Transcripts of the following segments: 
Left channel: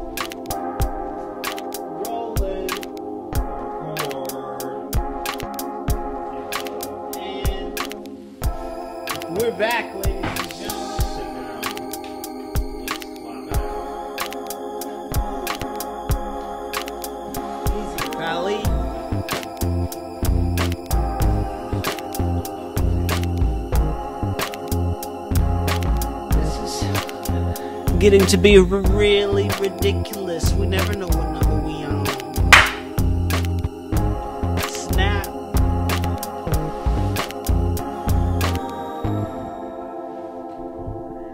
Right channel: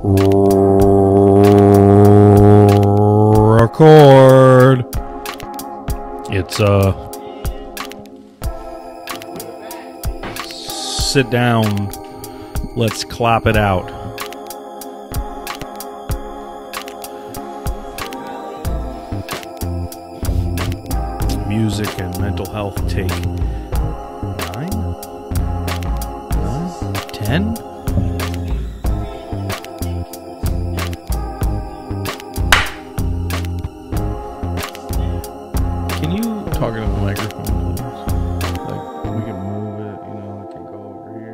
Record. It's We're back, ladies. sit down. Let's clap it out. Valley. Music and mental health take 9? 10? Getting to be really ridiculous. We never know what number we are. Snap. Can you talk into the microphone? Like, we can move it, we can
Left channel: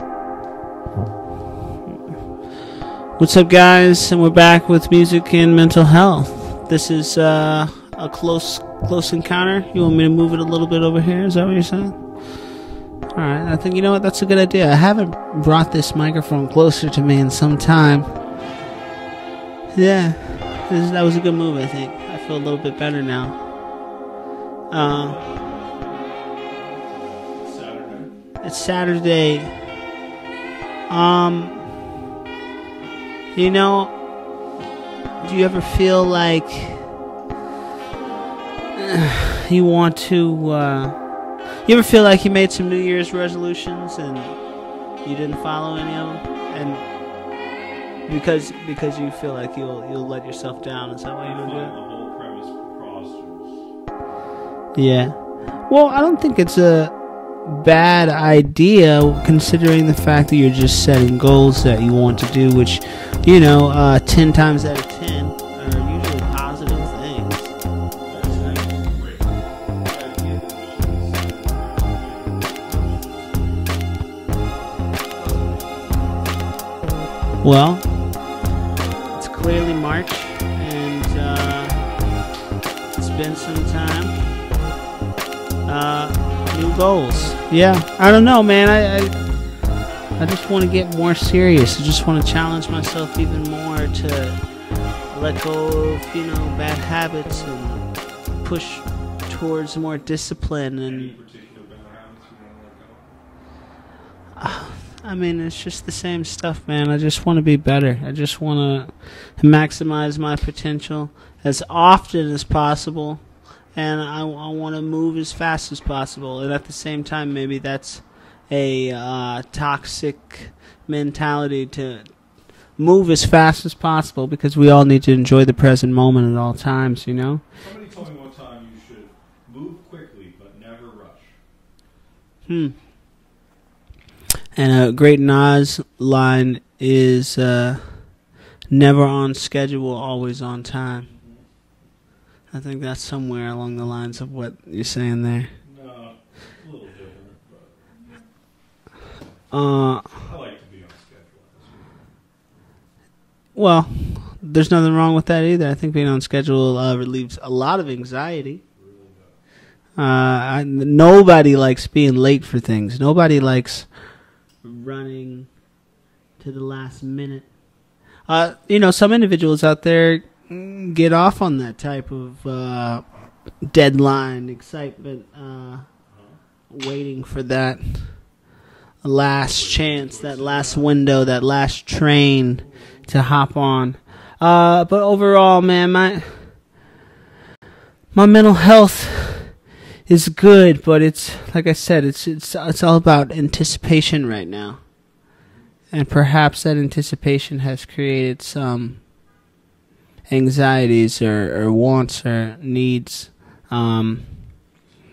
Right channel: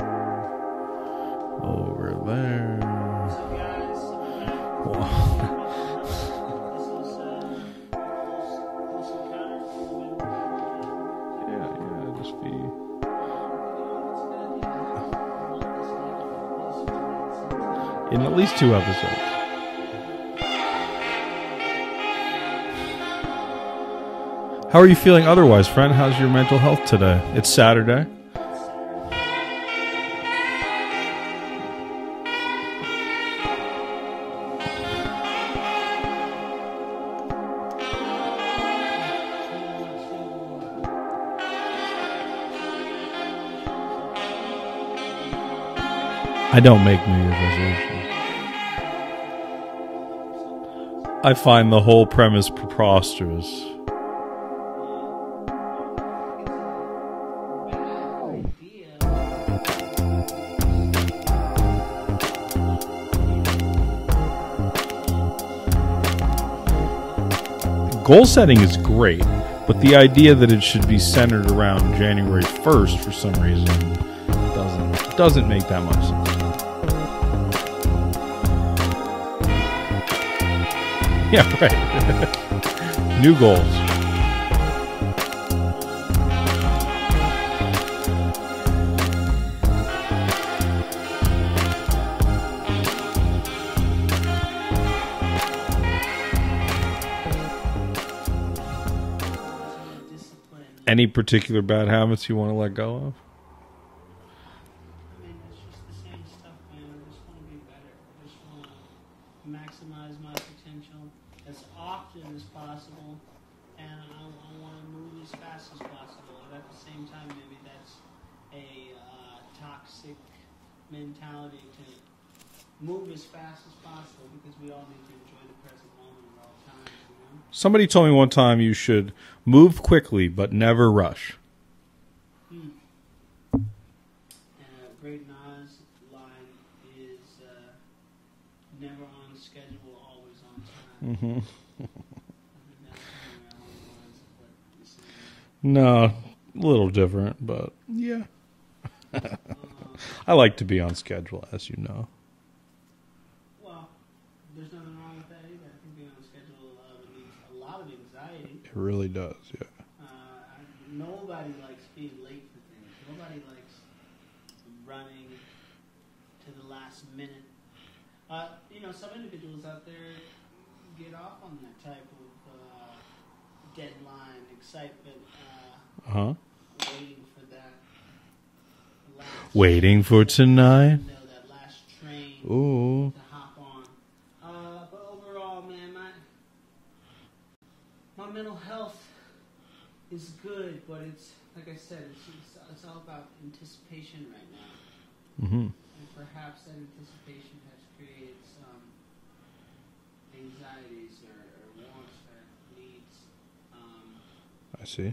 go over there. What's up, guys? And we're back with music and mental health. This is a close encounter. You want me to move it a little bit over here? Is that what you're saying? Alright, I think, you know what, that's a good idea. I haven't brought this microphone closer to me in some time. In at least 2 episodes. Yeah, that was a good move, I think. I feel a little bit better now. How are you feeling otherwise, friend? How's your mental health today? It's Saturday. It's Saturday. You know, do you ever feel like you want to, you ever feel like you made some New Year's resolutions and you didn't follow any of them? I don't make New Year's resolutions. Because you feel like you'll let yourself down. Is that what I find the whole premise preposterous. Yeah. Well, I don't think it's a bad idea considering the fact that you're just setting goals that you want to do, which, 10 times out of 10 are usually positive things. Goal setting is great, but the idea that it should be centered around January 1st for some reason doesn't make that much sense. Well, it's clearly March. And, Yeah, right. it's been New some goals. time. New goals. Yeah, I don't know, man. I just want to get more serious. I just want to challenge myself even more to let go of bad habits and push towards more discipline. And, Any particular bad habits you want to let go of? I mean, it's just the same stuff, man. I just want to be better. I just want to maximize my potential as often as possible. And I want to move as fast as possible. And at the same time, maybe that's a toxic mentality to move as fast as possible because we all need to enjoy the present moment at all times, Somebody told me one time you should move quickly but never rush. And a great Nas line is never on schedule, always on time. Mm-hmm. I think that's somewhere along the lines of what you're saying there. No, a little different, but yeah. I like to be on schedule, as you know. Well, there's nothing wrong with that either. I think being on schedule relieves a lot of anxiety. It really does, yeah. Nobody likes being late for things. Nobody likes running to the last minute. Some individuals out there get off on that type of deadline, excitement, waiting for that last chance, that last window, that last train to hop on. But overall, man, my mental health is good, but it's like I said, it's all about anticipation right now, and perhaps that anticipation has created some anxieties or wants or needs. I see.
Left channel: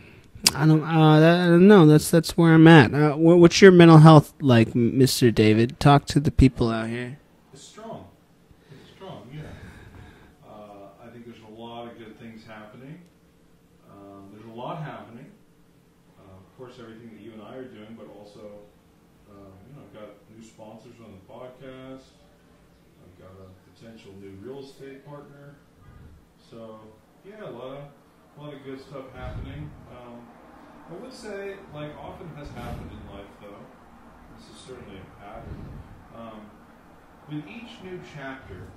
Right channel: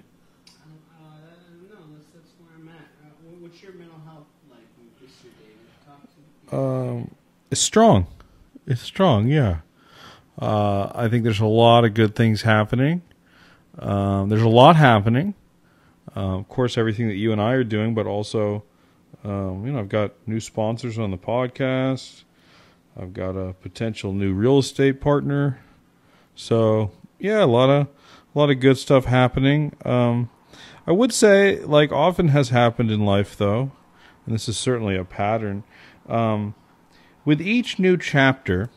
I don't know. That's where I'm at. What's your mental health like, Mr. David? Talk to the people out here. It's strong. It's strong, yeah. I think there's a lot of good things happening. There's a lot happening. Of course, everything that you and I are doing, but also, I've got new sponsors on the podcast. I've got a potential new real estate partner. So, yeah, a lot of good stuff happening. I would say, like often has happened in life, though, and this is certainly a pattern, with each new chapter,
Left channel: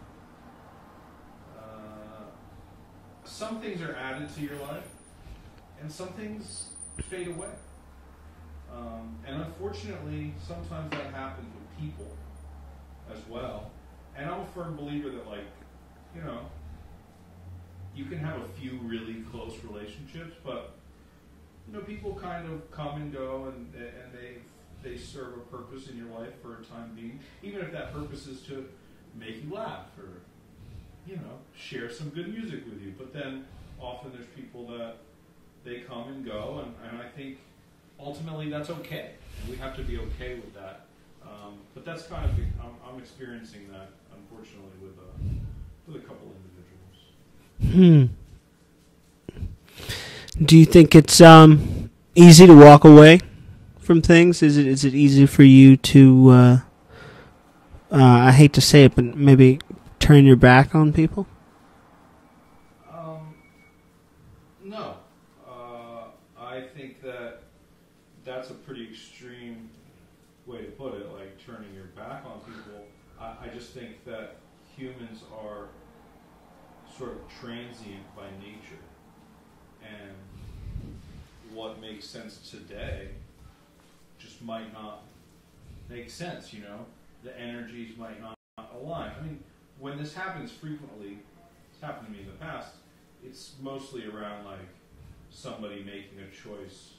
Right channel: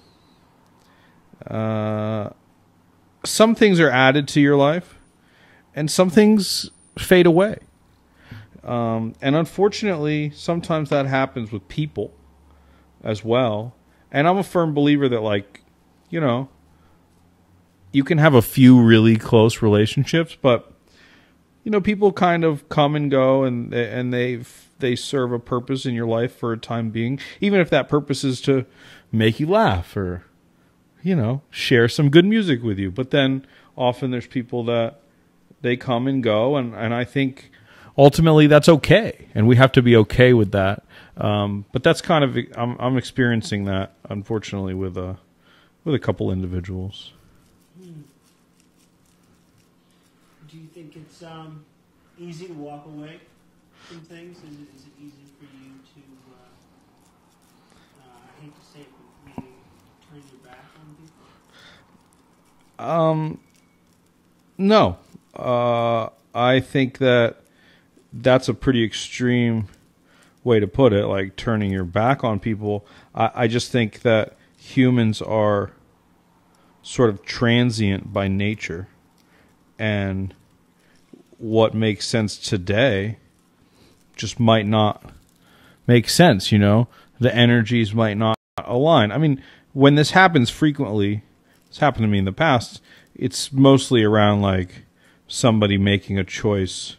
some things are added to your life, and some things fade away. And unfortunately, sometimes that happens with people as well. And I'm a firm believer that, like, you know, you can have a few really close relationships, but, you know, people kind of come and go, and they serve a purpose in your life for a time being, even if that purpose is to make you laugh or, you know, share some good music with you. But then often there's people that they come and go, and I think ultimately that's okay, and we have to be okay with that. But that's kind of, I'm experiencing that, unfortunately, with a couple individuals. Do you think it's easy to walk away from things? Is it easy for you to I hate to say it, but maybe turn your back on people? No. I think that's a pretty extreme way to put it, like turning your back on people. I just think that humans are sort of transient by nature, and what makes sense today just might not make sense, you know? The energies might not align. I mean, when this happens frequently, it's happened to me in the past, it's mostly around like somebody making a choice,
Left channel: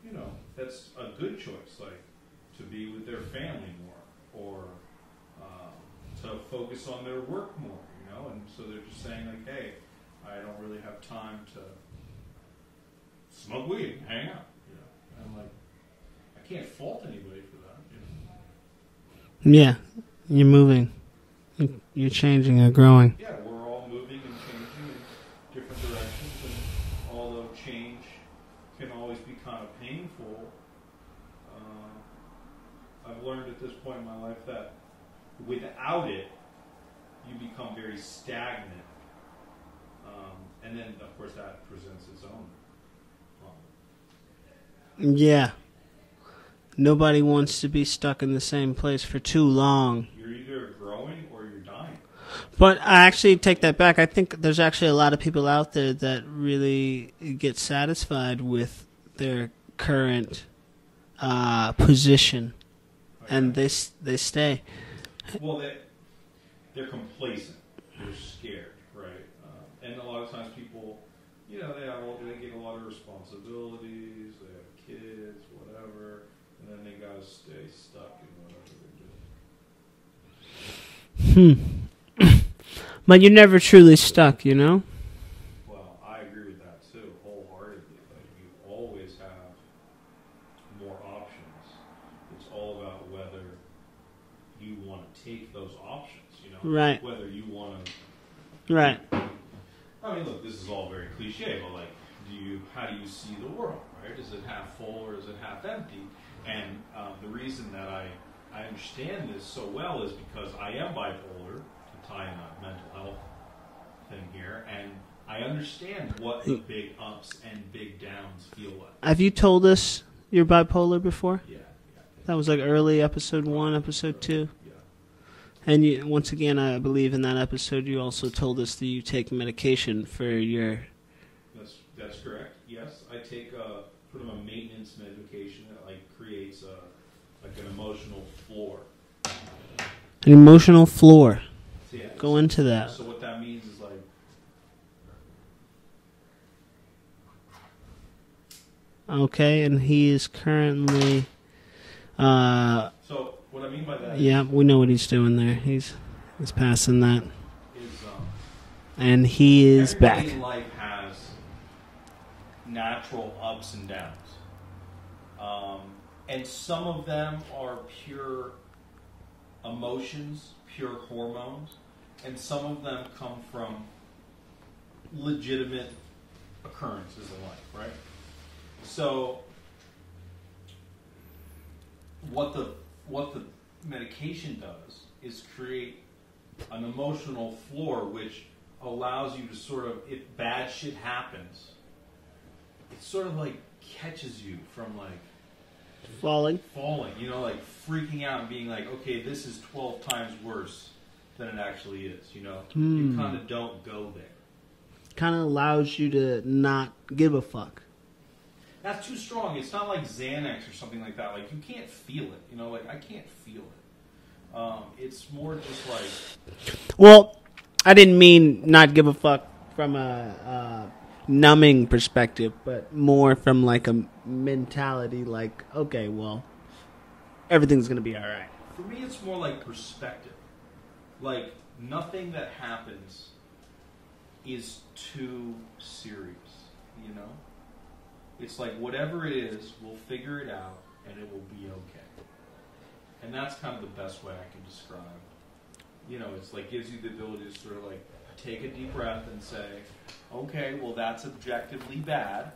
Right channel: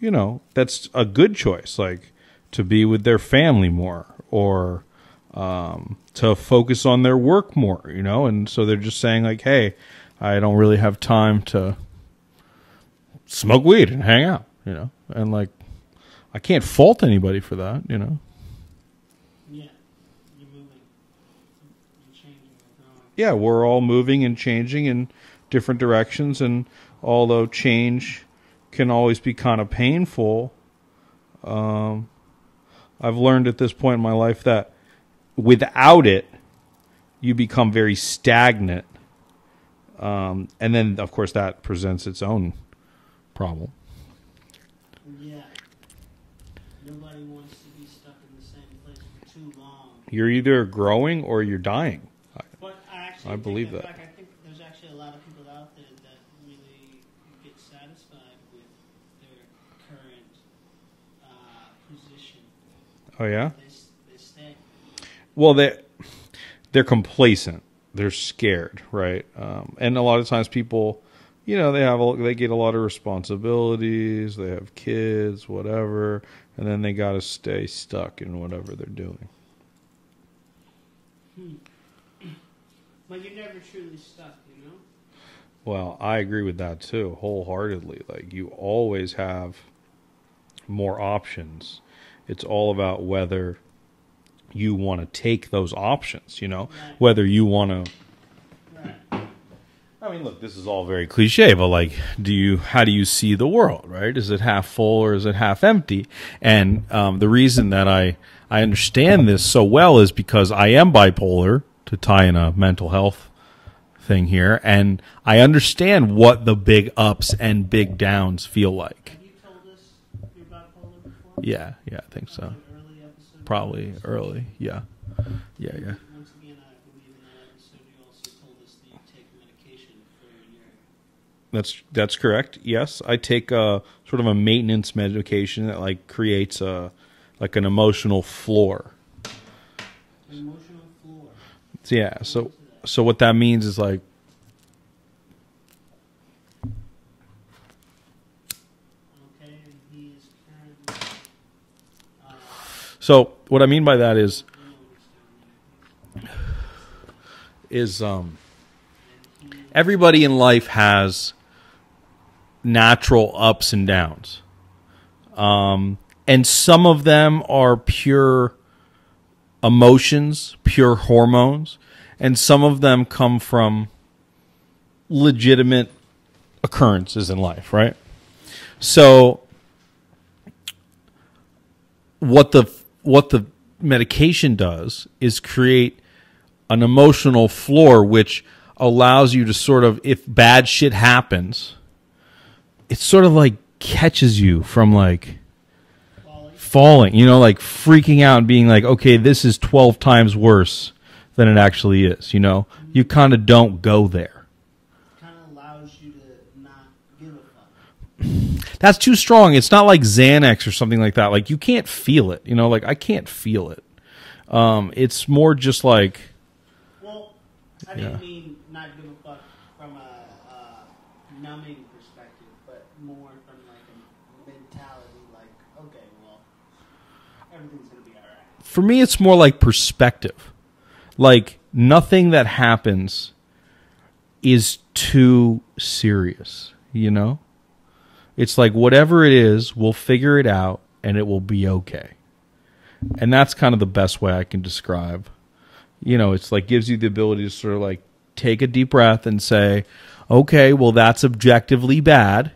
you know, that's a good choice, like to be with their family more, or to focus on their work more, you know, and so they're just saying like, hey, I don't really have time to smoke weed and hang out, you know, and like, I can't fault anybody for that, you know. Yeah, you're moving, you're changing, you're growing. Yeah, we're all moving and changing in different directions, and although change can always be kind of painful, I've learned at this point in my life that without it, you become very stagnant. And then, of course, that presents its own problem. Yeah. Nobody wants to be stuck in the same place for too long. You're either growing or you're dying. But I actually take that back. I think there's actually a lot of people out there that really get satisfied with their current position. Oh, yeah? And they stay. Well, they're complacent. They're scared, right? And a lot of times people, you know, they get a lot of responsibilities. They have kids, whatever, and then they got to stay stuck in whatever they're doing. But you're never truly stuck, you know? Well, I agree with that too, wholeheartedly. Like, you always have more options. It's all about whether you want to take those options, you know? Right. Whether you want to... Right. I mean, look, this is all very cliche, but like, how do you see the world, right? Is it half full or is it half empty? And the reason that I understand this so well is because I am bipolar, to tie in a mental health thing here, and I understand what the big ups and big downs feel like. Have you told us you're bipolar before? Yeah, I think that was like early episode Probably 1, episode early. 2. Yeah. And you, once again, I believe in that episode you also told us that you take medication for your... That's correct. Yes, I take a sort of a maintenance medication that like creates an emotional floor. An emotional floor. Yeah. Go into that. So what that means is like, okay, and he is currently... so what I mean by that is... Yeah, we know what he's doing there. He's passing that. And he is... Everybody back. in life has natural ups and downs. And some of them are pure emotions, pure hormones, and some of them come from legitimate occurrences in life, right? So what the medication does is create an emotional floor which allows you to sort of, if bad shit happens, it sort of like catches you from like falling, you know, like freaking out and being like, okay, this is 12 times worse than it actually is, you know? You kind of don't go there. Kind of allows you to not give a fuck. That's too strong. It's not like Xanax or something like that. Like, you can't feel it, you know? Like, I can't feel it. It's more just like, Well, I didn't mean not give a fuck from a numbing perspective, but more from like a mentality like, okay, well, everything's going to be all right. for me, it's more like perspective. Like, nothing that happens is too serious, you know? It's like, whatever it is, we'll figure it out, and it will be okay. And that's kind of the best way I can describe. You know, it's like, gives you the ability to sort of like take a deep breath and say, okay, well, that's objectively bad,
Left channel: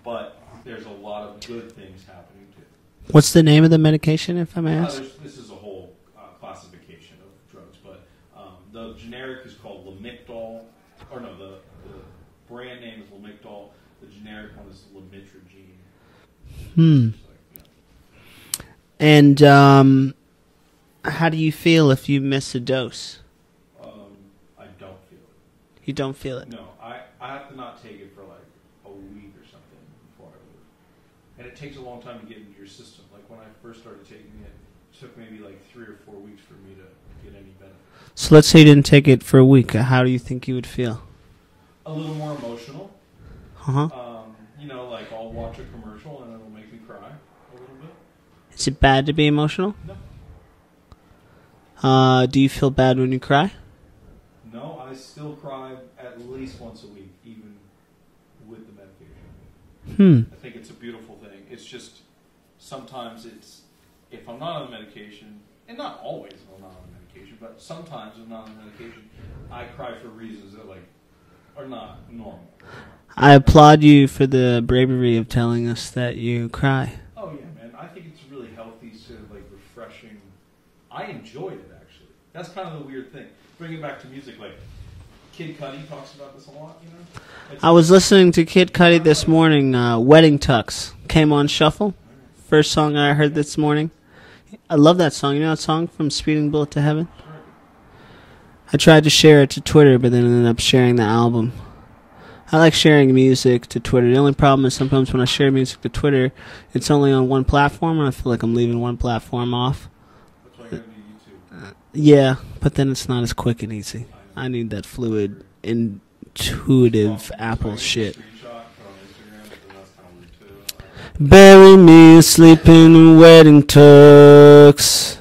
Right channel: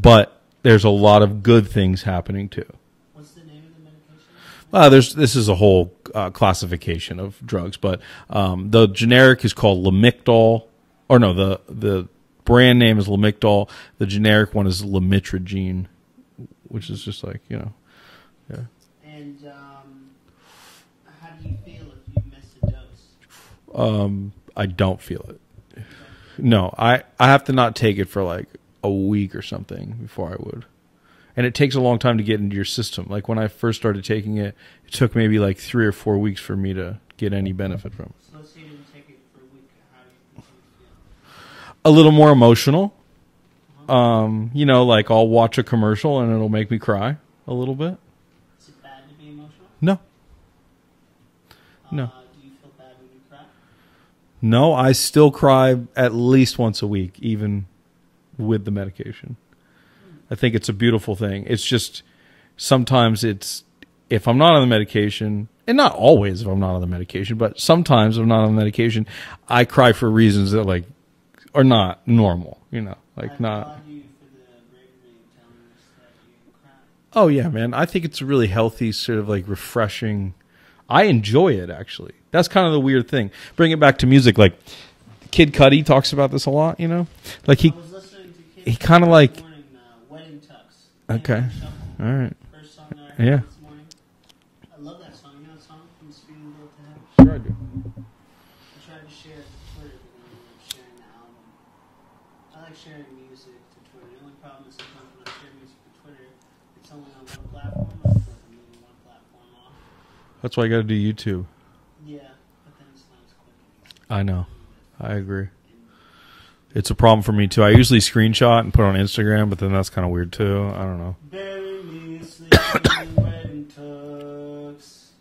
but there's a lot of good things happening too. What's the name of the medication, if I may ask? This is a whole classification of drugs, but the generic is called Lamictal, or no, the brand name is Lamictal. The generic one is Lamitragine, which is just like, you know. Yeah. And how do you feel if you miss a dose? I don't feel it. You don't feel it? No, I have to not take it for like a week or something before I would. And it takes a long time to get into your system. Like when I first started taking it, it took maybe like 3 or 4 weeks for me to get any benefit from it. So let's say you didn't take it for a week. How do you think you would feel? A little more emotional. Uh-huh. You know, like I'll watch a commercial and it'll make me cry a little bit. Is it bad to be emotional? No. Do you feel bad when you cry? No, I still cry at least once a week, even with the medication. I think it's a beautiful thing. It's just sometimes it's, if I'm not on the medication, and not always if I'm not on the medication, but sometimes if I'm not on the medication, I cry for reasons that like are not normal, you know. I applaud you for the bravery of telling us that you cry. Oh yeah, man. I think it's a really healthy, sort of like refreshing. I enjoy it, actually. That's kind of the weird thing. Bring it back to music, like Kid Cudi talks about this a lot, you know? Like I was listening to Kid Cudi this like, morning. Wedding Tux came Okay. on shuffle. all right. First song I heard Yeah. this morning. I love that song. You know that song from Speeding Bullet to Heaven? Sure I do. I tried to share it to Twitter, but then ended up sharing the album. I like sharing music to Twitter. The only problem is sometimes when I share music to Twitter, it's only on one platform, and I feel like I'm leaving one platform off. That's why I got to do YouTube. Yeah, but then it's not as quick and easy. I know. I need that I fluid, agree. intuitive. It's a problem for me too. I Apple usually shit. screenshot and put it on Instagram, but then that's kind of weird too. I don't know. Bury me asleep in wedding tux.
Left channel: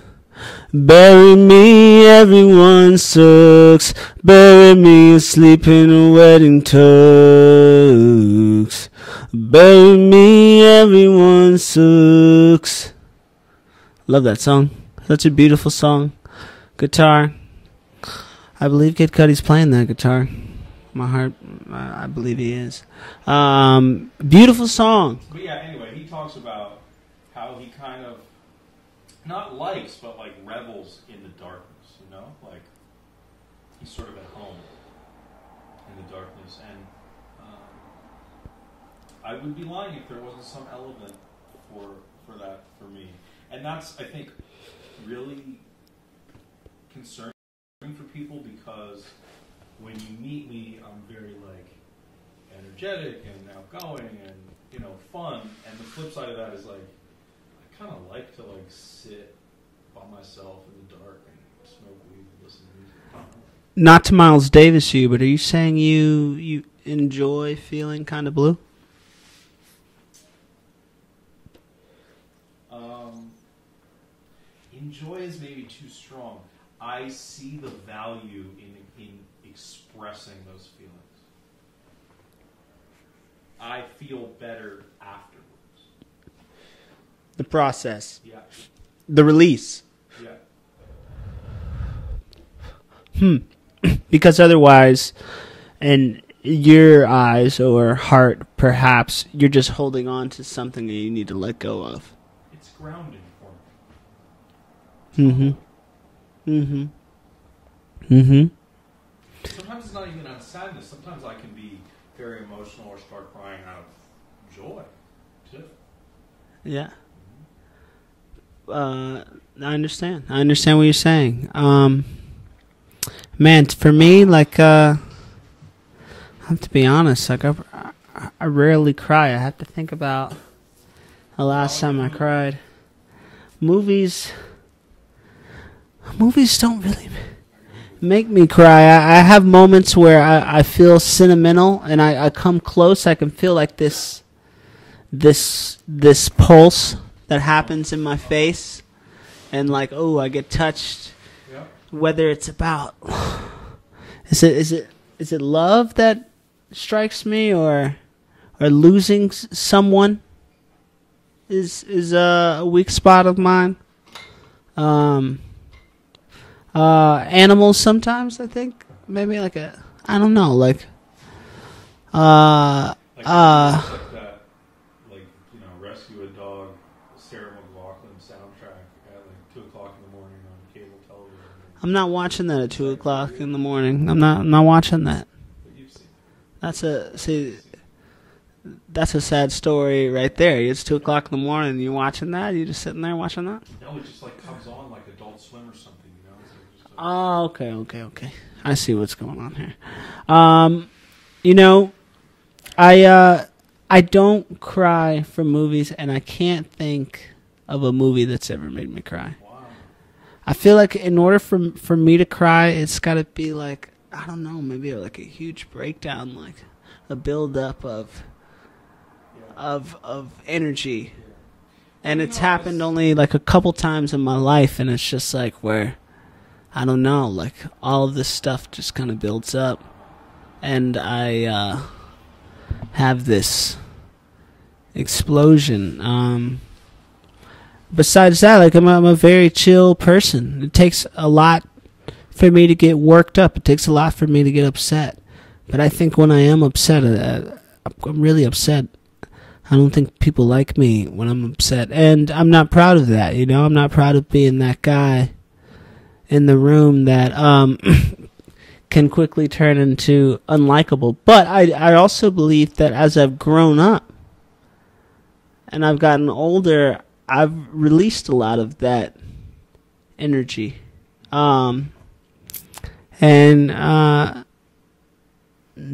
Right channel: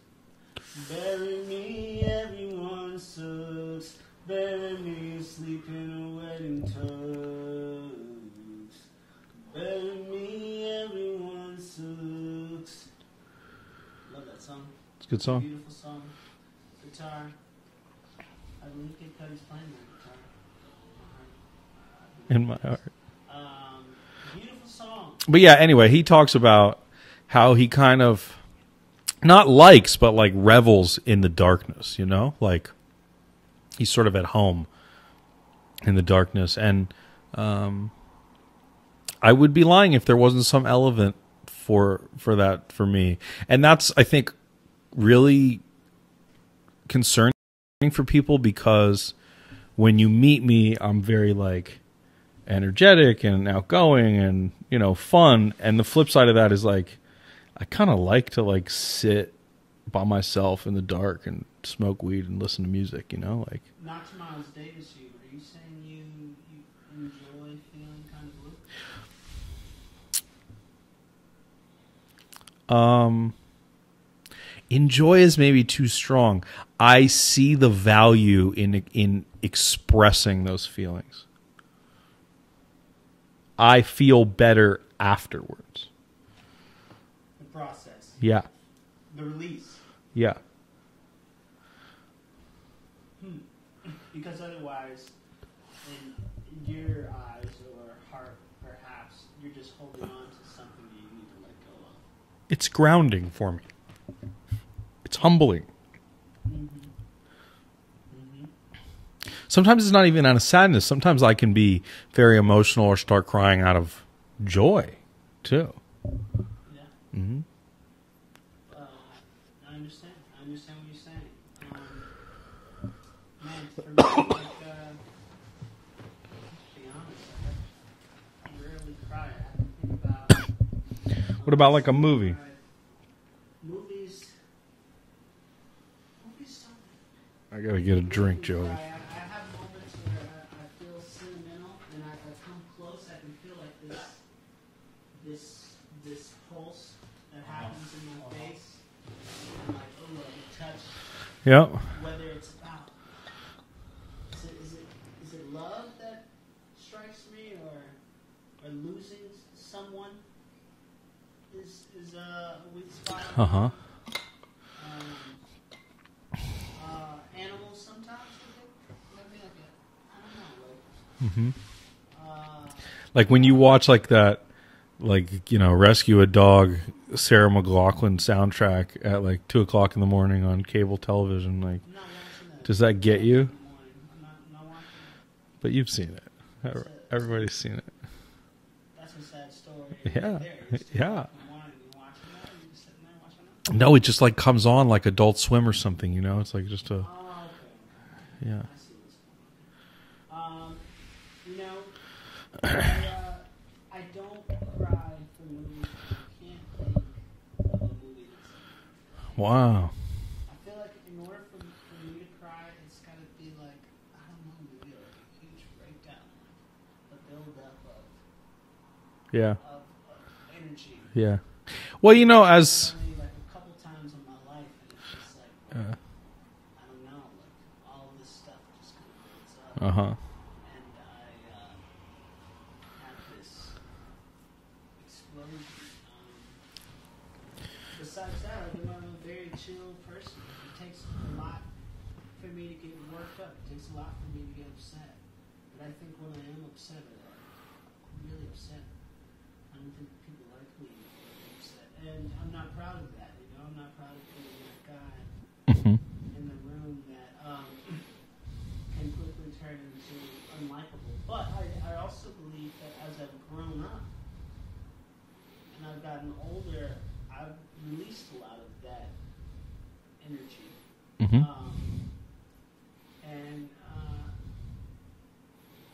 Bury me, everyone sucks. Bury me asleep in a wedding tux. Bury me, everyone sucks. Love that song. Such a beautiful song. Guitar. I believe Kid Cudi's playing that guitar. My heart, I believe he is. Beautiful song. But yeah, anyway, he talks about how he kind of not likes, but like revels in the darkness, you know? Like he's sort of at home in the darkness. And I would be lying if there wasn't some element for that for me. And that's, I think, really concerning for people, because when you meet me, I'm very like energetic and outgoing and, you know, fun. And the flip side of that is like, I kind of like to like sit by myself in the dark and smoke weed and listen to music, you know, like. Not to Miles Davis you, but are you saying you enjoy feeling kind of blue? Enjoy is maybe too strong. I see the value in expressing those feelings. I feel better afterwards. The process. Yeah. The release. Yeah. Because otherwise, in your eyes or heart, perhaps, you're just holding on to something that you need to let go of. It's grounding for me. It's humbling. Mm-hmm. Mm-hmm. Sometimes it's not even out of sadness. Sometimes I can be very emotional or start crying out of joy, too. Yeah. Mm-hmm. I understand. I understand what you're saying. Man, for me, like, I have to be honest. Like, I rarely cry. I have to think about the What about, last like, a time I movie? cried. Movies. Movies don't really I gotta get a make drink. me cry. I have moments where I feel sentimental, and I come close. I can feel like this pulse that happens in my face, and like, oh, I get touched. Yeah. Whether it's about is it love that strikes me, or losing someone is a weak spot of mine. Animals sometimes, I think, maybe like I don't know, like Like when you watch like that, like, Rescue a Dog, Sarah McLachlan soundtrack at like 2:00 in the morning on cable television. Like, I'm not watching that at Does 2 that get o'clock you? in the morning. I'm not watching that. but you've seen it. Everybody's seen it. That's a sad story right there. It's 2 Yeah. o'clock in the morning. And you watching that? You just sitting there watching that? No, it just like comes on like Adult Swim or something. It's like just a. Oh, okay. Yeah. I see what's going on here. I don't cry for movies, and I can't think of a movie that's ever made me cry. Wow. I feel like in order for me to cry, it's got to be like, I don't know, maybe like a huge breakdown, like a build up of Yeah. of energy. Yeah. Well, And it's happened as only like a couple times in my life, and it's just like where I don't know, like all of this stuff just kind of builds up, and I have this explosion. Besides that, like I'm a very chill person. It takes a lot for me to get worked up. It takes a lot for me to get upset. But I think when I am upset, I'm really upset. I don't think people like me when I'm upset, and I'm not proud of that. I'm not proud of being that guy in the room that can quickly turn into unlikable. But I also believe that as I've grown up and I've gotten older, I've released a lot of that energy.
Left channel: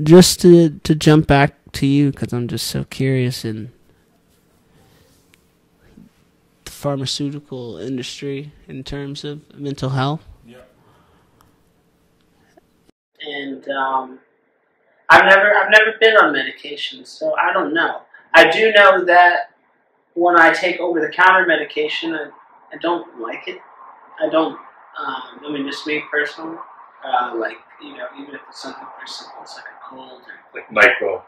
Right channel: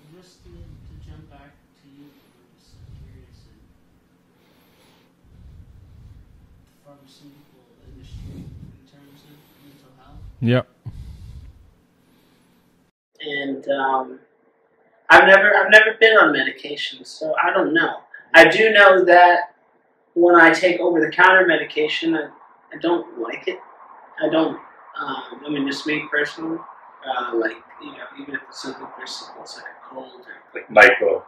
Just to jump back to you, because I'm just so curious in the pharmaceutical industry in terms of mental health. Yep. And I've never been on medication, so I don't know. I do know that when I take over-the-counter medication, I don't like it. I don't. Just me personally. Even if it's something pretty simple, it's like a cold or Like Nyquil.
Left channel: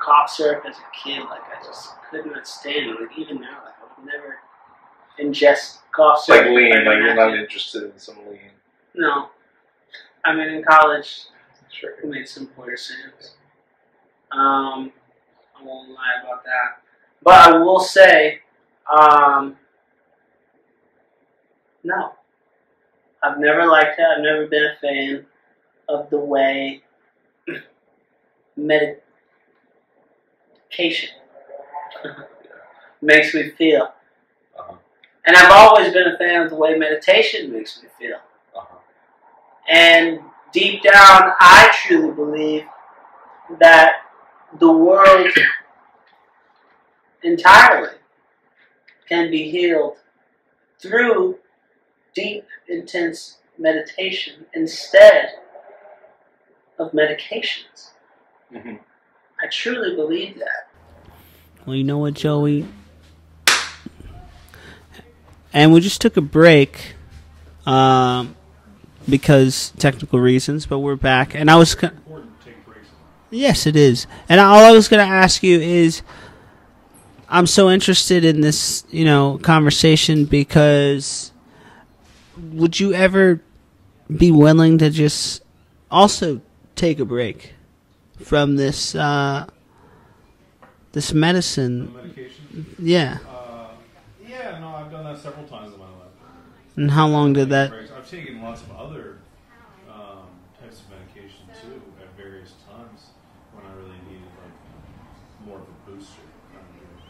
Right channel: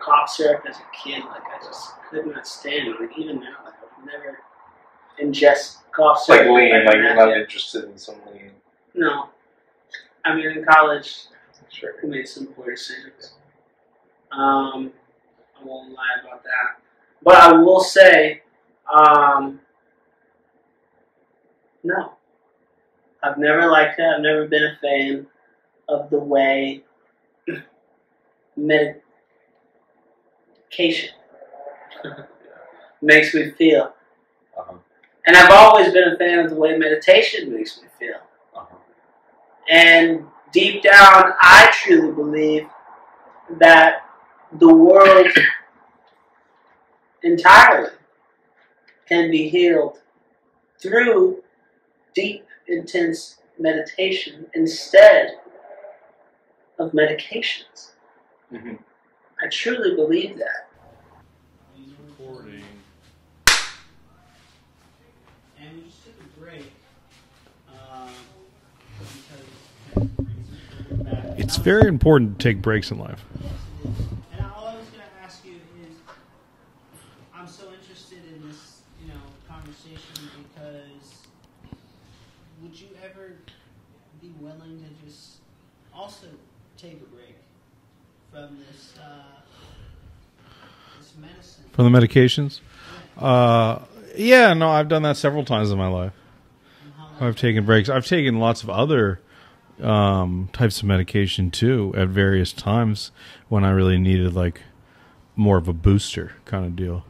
cough syrup as a kid. Like I just could not stand it. Like even now, like I would never ingest cough It's like syrup. lean, like you're not interested in some lean. No. In college, Sure. we made some poor decisions. I won't lie about that. But I will say, no. I've never liked it. I've never been a fan of the way medication makes me feel. And I've always been a fan of the way meditation makes me feel. And deep down, I truly believe that the world entirely can be healed through deep, intense meditation instead of medications. I truly believe that. Well, you know what, Joey? And we just took a break because technical reasons, but we're back. And It's very important to take breaks in life. Yes, it is. And all I was going to ask you is, I'm so interested in this, conversation because would you ever be willing to just also take a break from this this medicine? From the medications? Yeah. Yeah, no, I've done that several times in my life. And how long I've did taken that? breaks. I've taken lots of other types of medication too at various times when I really needed like more of a booster kind of deal.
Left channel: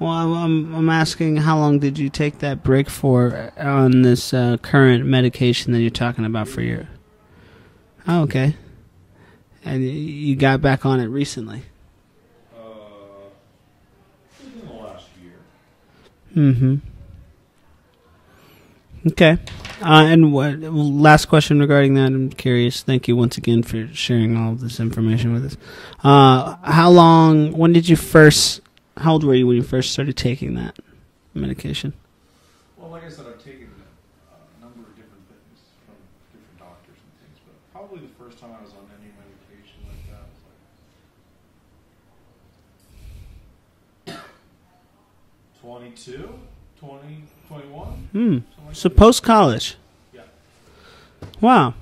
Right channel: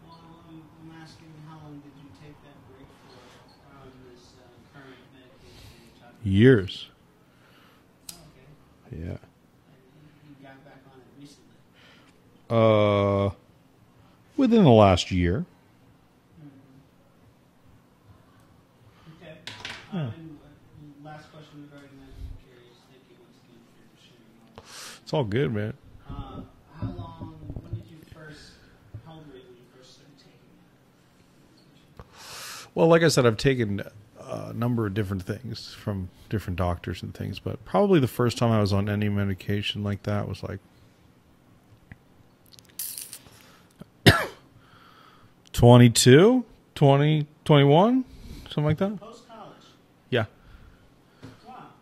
Well, I'm asking, how long did you take that break for on this current medication that you're talking about? Years. For you? Oh, okay. Yeah. And you got back on it recently? Within the last year. Okay. And what last question regarding that? I'm curious. Thank you once again for sharing all of this information. It's all good, man. How long? When did you first? How old were you when you first started taking that medication? Well, like I said, I've taken a number of different things from different doctors and things, but probably the first time I was on any medication like that was like 22, 20, 21, something like So that. post college. Yeah. Wow.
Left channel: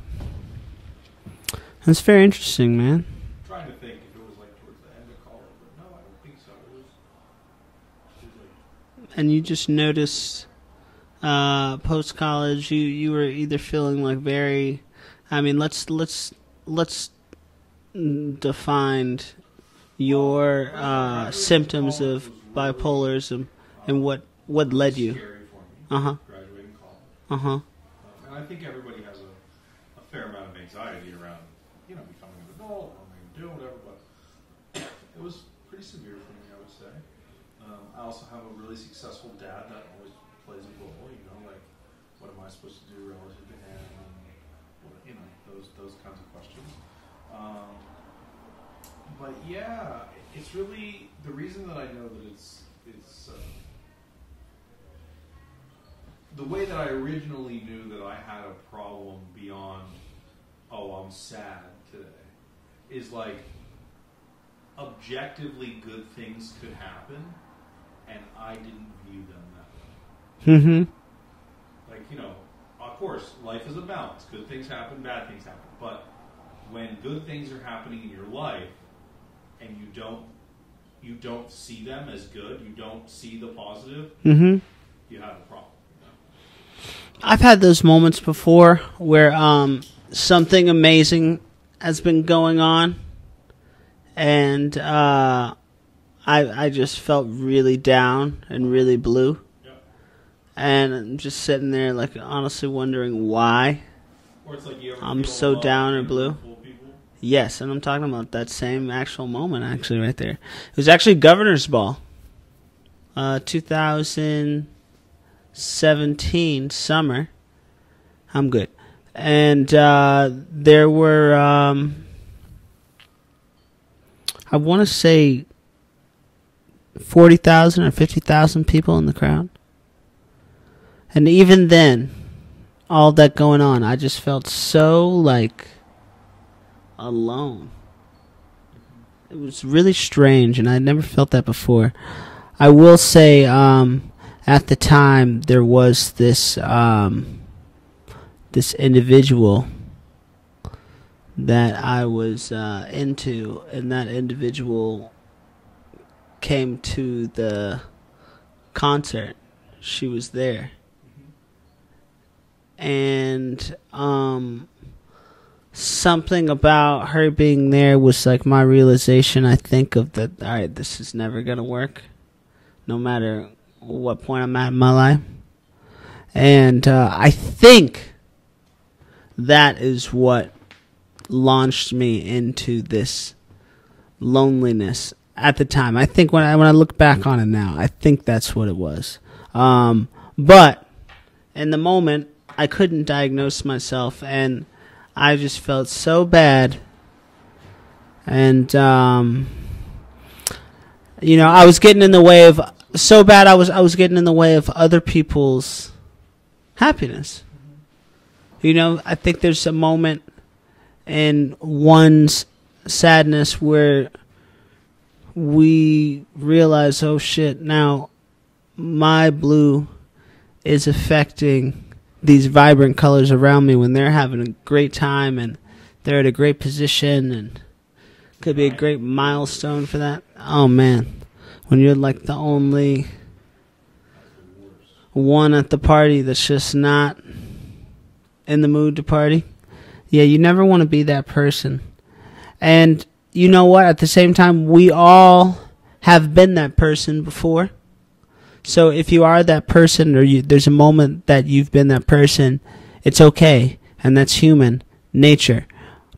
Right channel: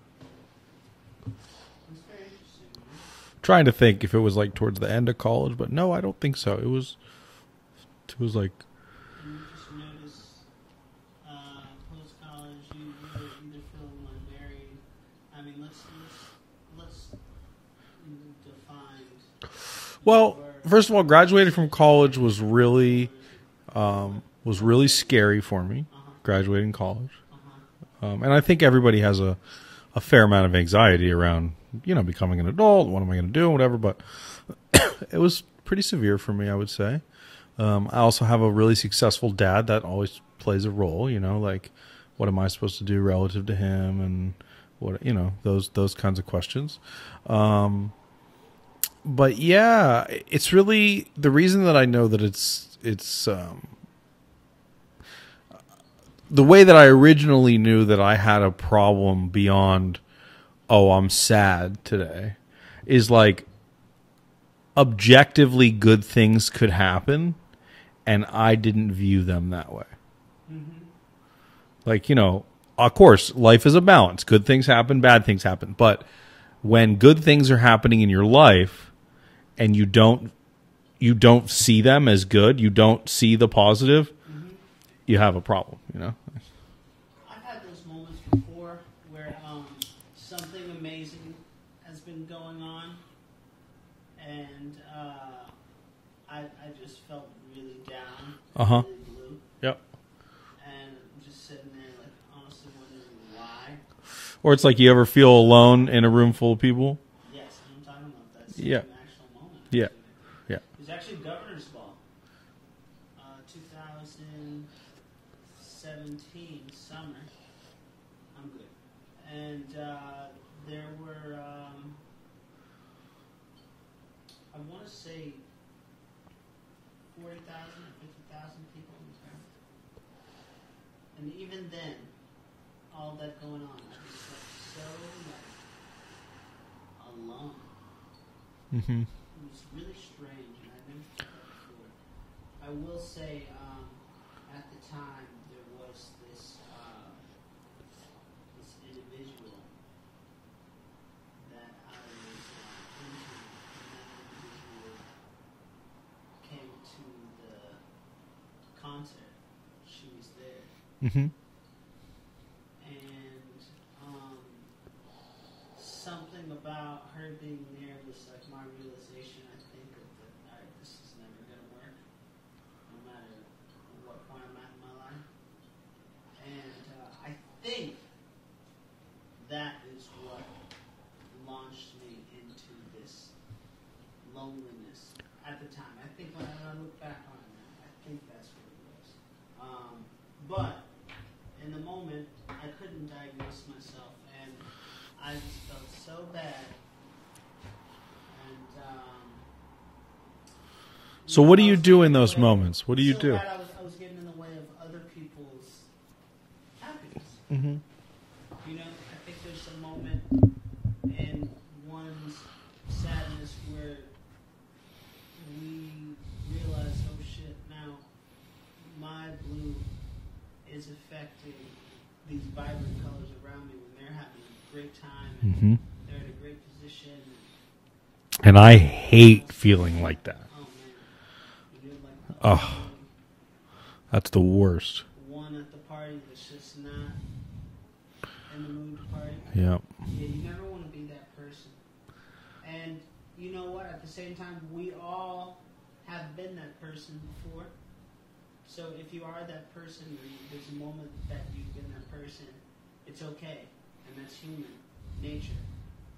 That's very interesting, man. Trying to think if it was like towards the end of college, but no, I don't think so. It was like, And you just noticed post college you were either feeling like very, I mean, let's define your first of all, graduating from symptoms college of was really bipolarism and what really led you? scary for me. Uh-huh. Graduating college, Uh-huh. and I think everybody has a fair amount of anxiety around becoming an adult. What am I going to do? Whatever, but it was pretty severe for me, I would say. I also have a really successful dad that always plays a role, like what am I supposed to do relative to him and what, those kinds of questions. But yeah, it's really the reason that I know that it's the way that I originally knew that I had a problem beyond, oh, I'm sad today, is like objectively good things could happen and I didn't view them that way. Mm-hmm. Like, of course, life is a balance. Good things happen, bad things happen. But when good things are happening in your life and you don't see them as good, you don't see the positive, you have a problem, I've had those moments before where something amazing has been going on, and I just felt really down and really blue. Yep. And I'm just sitting there, like, honestly wondering why. Or it's like you ever I'm feel so alone down in a and room blue. full of people. Yes, and I'm talking about that same actual moment, actually, right there. Yeah. It was actually Governor's Ball, 2017 summer. I'm good. And there were, I want to say 40,000 or 50,000 people in the crowd. And even then, all that going on, I just felt so, like, alone. Mm-hmm. It was really strange, and I'd never felt that before. I will say, at the time, there was this this individual that I was into, and that individual came to the concert. She was there. Mm-hmm. And something about her being there was like my realization, I think, of that, all right, this is never going to work, no matter what point I'm at in my life. And I think that is what launched me into this loneliness at the time. I think when I look back on it now, I think that's what it was. But in the moment, I couldn't diagnose myself, and I just felt so bad. And I was getting in the way of so bad. I was getting in the way of other people's happiness. Mm-hmm. I think there's a moment in one's sadness where we realize, oh shit, now my blue is affecting these vibrant colors around me when they're having a great time and they're at a great position and I a great hate milestone feeling for that. like that. Oh man, when you're like the only that's the worst one at the party that's just not in the mood to party. Yeah, you never want to be that person. And you know what? At the same time, we all have been that person before. So if you are that person, or there's a moment that you've been that person, it's okay, and that's human nature.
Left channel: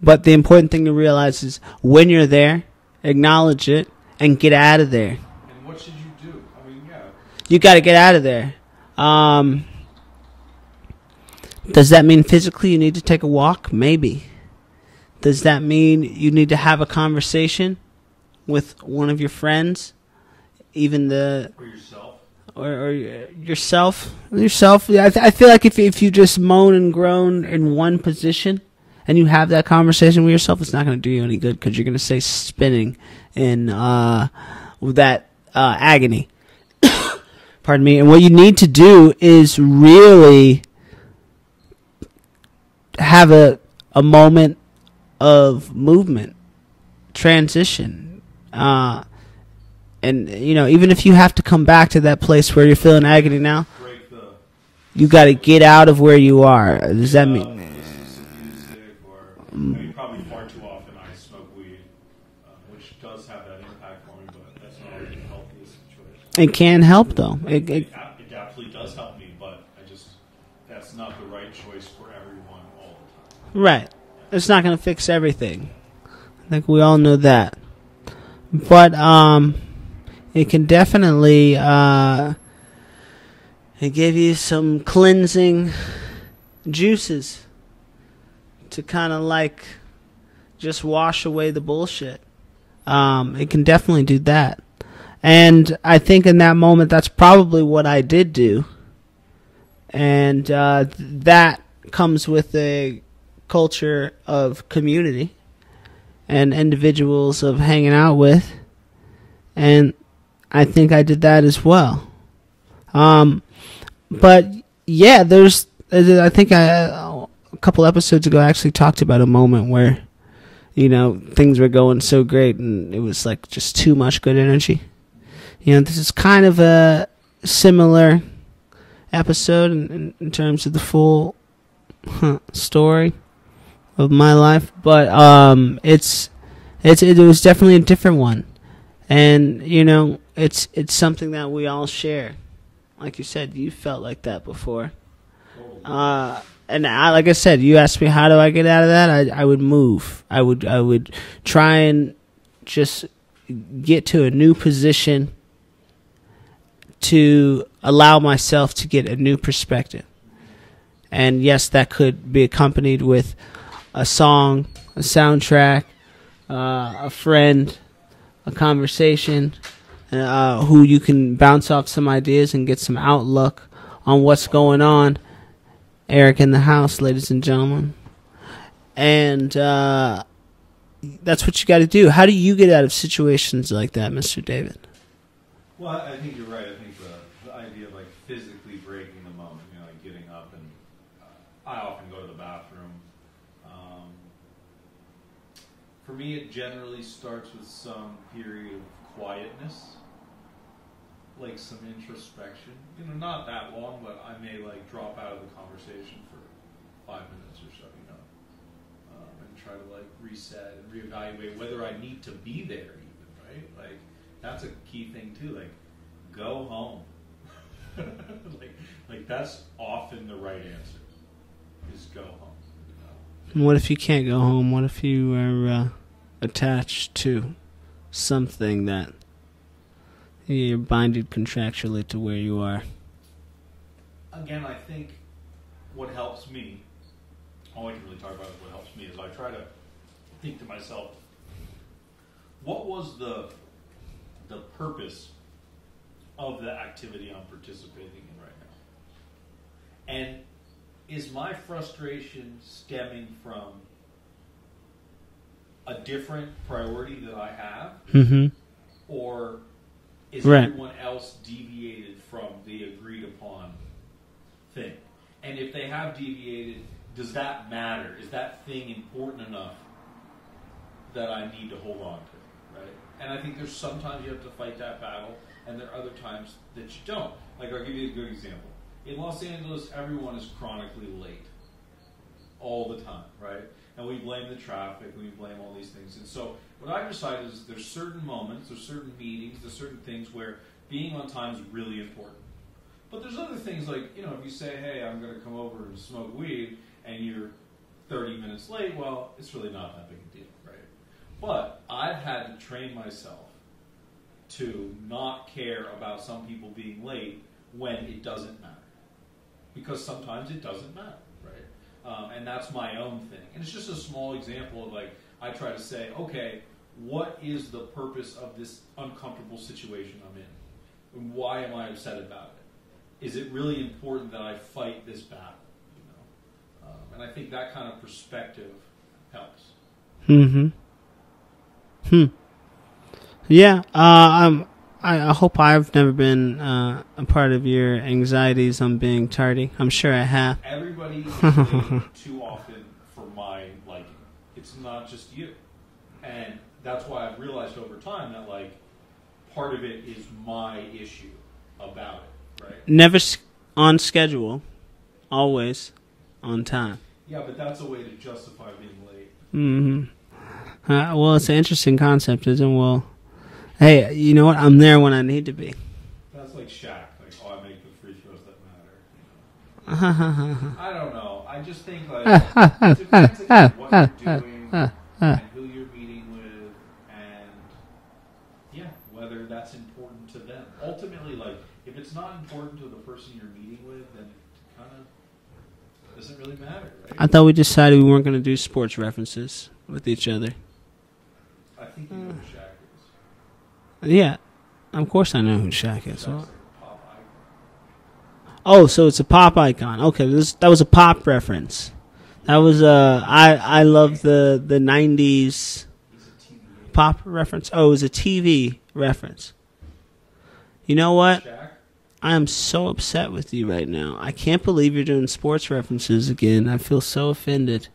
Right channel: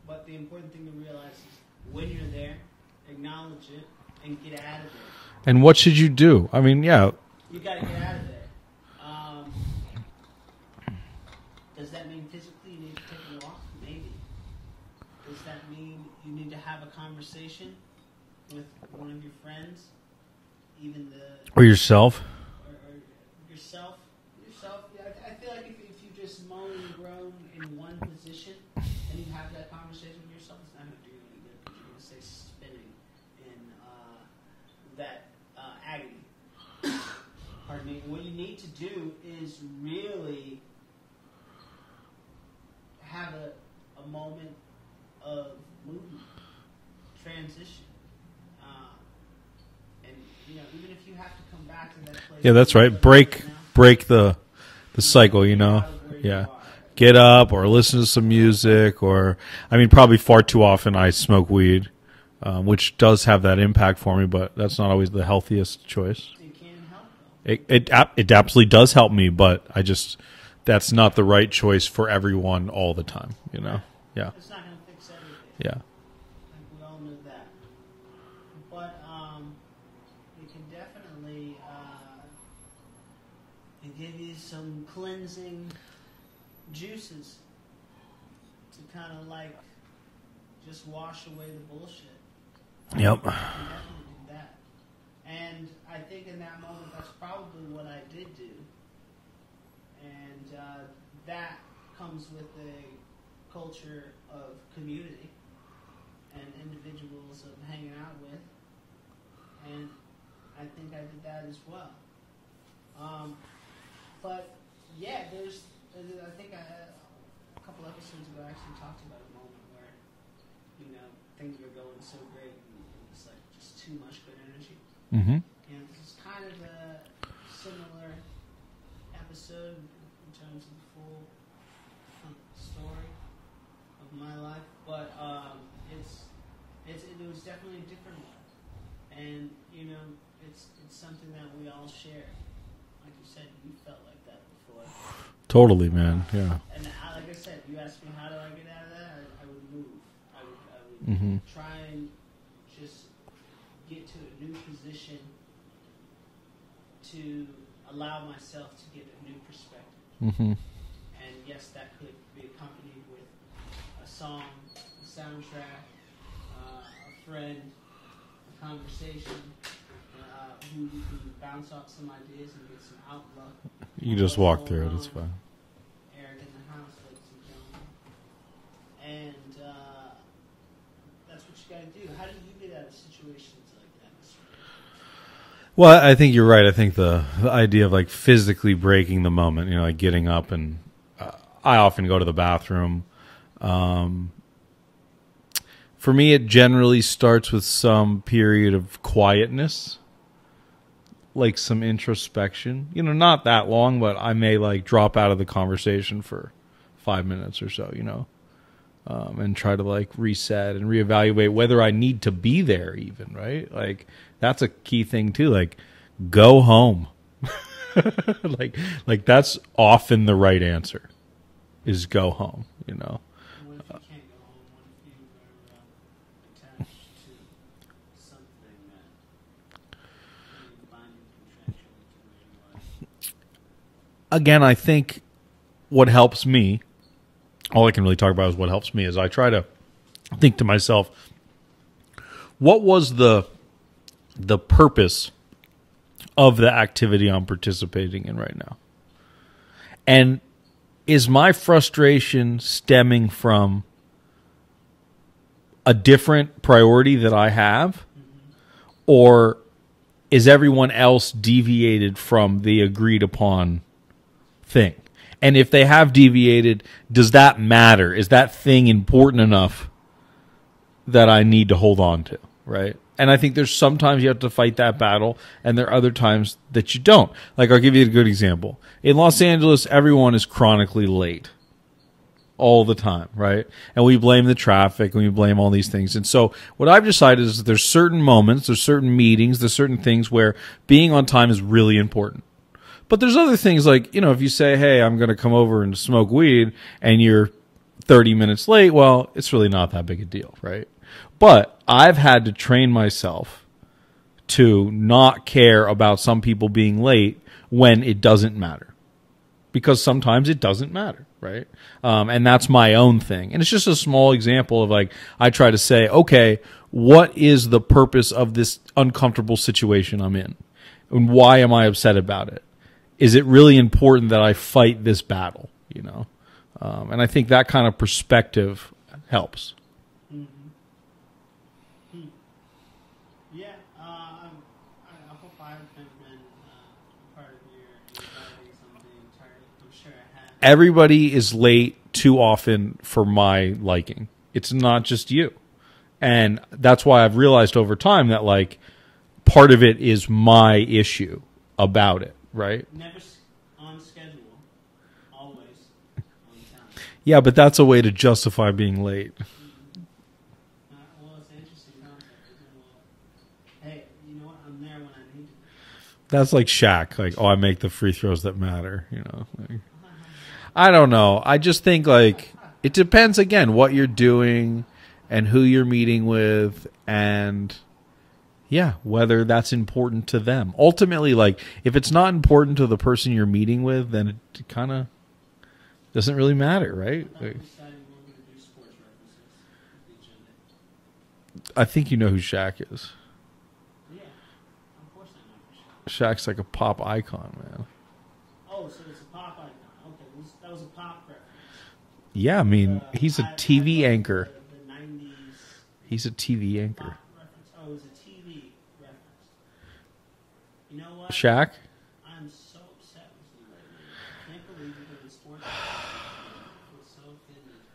But the important thing to realize is when you're there, acknowledge it and get out of there. and what should you do? I mean, You got to get out of there. Does that mean physically you need to take a walk? Maybe. Does that mean you need to have a conversation with one of your friends? Even the... Or yourself? Or yourself. Yeah, I feel like if you just moan and groan in one position and you have that conversation with yourself, it's not going to do you any good because you're going to stay spinning in that agony. Pardon me. And what you need to do is really have a moment of movement, transition. And, you know, even if you have to come back to that place where you're feeling agony now. Break the you got to get out of where you are. Get up or listen to some music or, I mean, probably far too often I smoke weed, which does have that impact for me, but that's not always the healthiest choice. It can help, though. It absolutely does help me, but that's not the right choice for everyone all the time. Right. Yeah. It's not going to fix everything. Yeah. I think we all know that. But, it can definitely give you some cleansing juices to kind of like just wash away the bullshit. It can definitely do that. And I think in that moment, that's probably what I did do. And that comes with a culture of community and individuals of hanging out with. And I think I did that as well. But yeah, I think a couple episodes ago I actually talked about a moment where, you know, things were going so great and it was like just too much good energy. Mm-hmm. You know, this is kind of a similar episode in terms of the full story of my life, but it was definitely a different one. And, you know, it's something that we all share. Like you said, you felt like that before. Totally, man. Yeah. And like I said, you asked me how do I get out of that? I would move. I would try and just get to a new position to allow myself to get a new perspective. Mm-hmm. And yes, that could be accompanied with a song, a soundtrack, a friend, a conversation, who you can bounce off some ideas and get some outlook on what's going on. Eric in the house, ladies and gentlemen. And that's what you got to do. How do you get out of situations like that, Mr. David? Well, I think you're right. I think the idea of like physically breaking the moment, you know, like getting up and I often go to the bathroom. For me, it generally starts with some period of quietness, like some introspection. You know, not that long, but I may like drop out of the conversation for 5 minutes or so, you know, and try to like reset and reevaluate whether I need to be there even, right? Like that's a key thing too. Like go home. like that's often the right answer is go home, you know. What if you can't go home? What if you are attached to something that you're binded contractually to where you are? Again, I think what helps me, all I can really talk about is what helps me, is I try to think to myself, what was the purpose of the activity I'm participating in right now? And is my frustration stemming from a different priority that I have? Mm-hmm. Or is everyone else deviated from the agreed upon thing? And if they have deviated, does that matter? Is that thing important enough that I need to hold on to, right? And I think there's sometimes you have to fight that battle, and there are other times that you don't. Like, I'll give you a good example. In Los Angeles, everyone is chronically late all the time, right? And we blame the traffic, and we blame all these things. And so what I've decided is that there's certain moments, there's certain meetings, there's certain things where being on time is really important. But there's other things like, you know, if you say, hey, I'm going to come over and smoke weed, and you're 30 minutes late, well, it's really not that big a deal, right? But I've had to train myself to not care about some people being late when it doesn't matter. Because sometimes it doesn't matter. right? And that's my own thing. And it's just a small example of like, I try to say, okay, what is the purpose of this uncomfortable situation I'm in? And why am I upset about it? Is it really important that I fight this battle? You know? And I think that kind of perspective helps. Mm-hmm. Yeah. I hope I've never been a part of your anxieties on being tardy. I'm sure I have. Everybody is late too often for my liking. It's not just you. And that's why I've realized over time that, like, part of it is my issue about it, right? Never on schedule. Always on time. Yeah, but that's a way to justify being late. Mm-hmm. Well, it's an interesting concept, isn't it? Well, hey, you know what? I'm there when I need to be. That's like Shaq. Like, oh, I make the free throws that matter. You know, like, I don't know. I just think like it depends again what you're doing and who you're meeting with, and yeah, whether that's important to them. Ultimately, like if it's not important to the person you're meeting with, then it kind of doesn't really matter, right? I thought we decided we weren't going to do sports references with each other. I think you know who Shaq is. Yeah, of course I know who Shaq is. Shaq's like a pop icon, man. Oh, so it's a pop icon. Okay, that was a pop reference. Yeah, that was he's a I TV love anchor. the 90s He's a TV anchor. pop reference. Oh, it was a TV reference. You know what? Shaq? I am so upset with you right now. I can't believe you're doing sports references again. I feel so offended.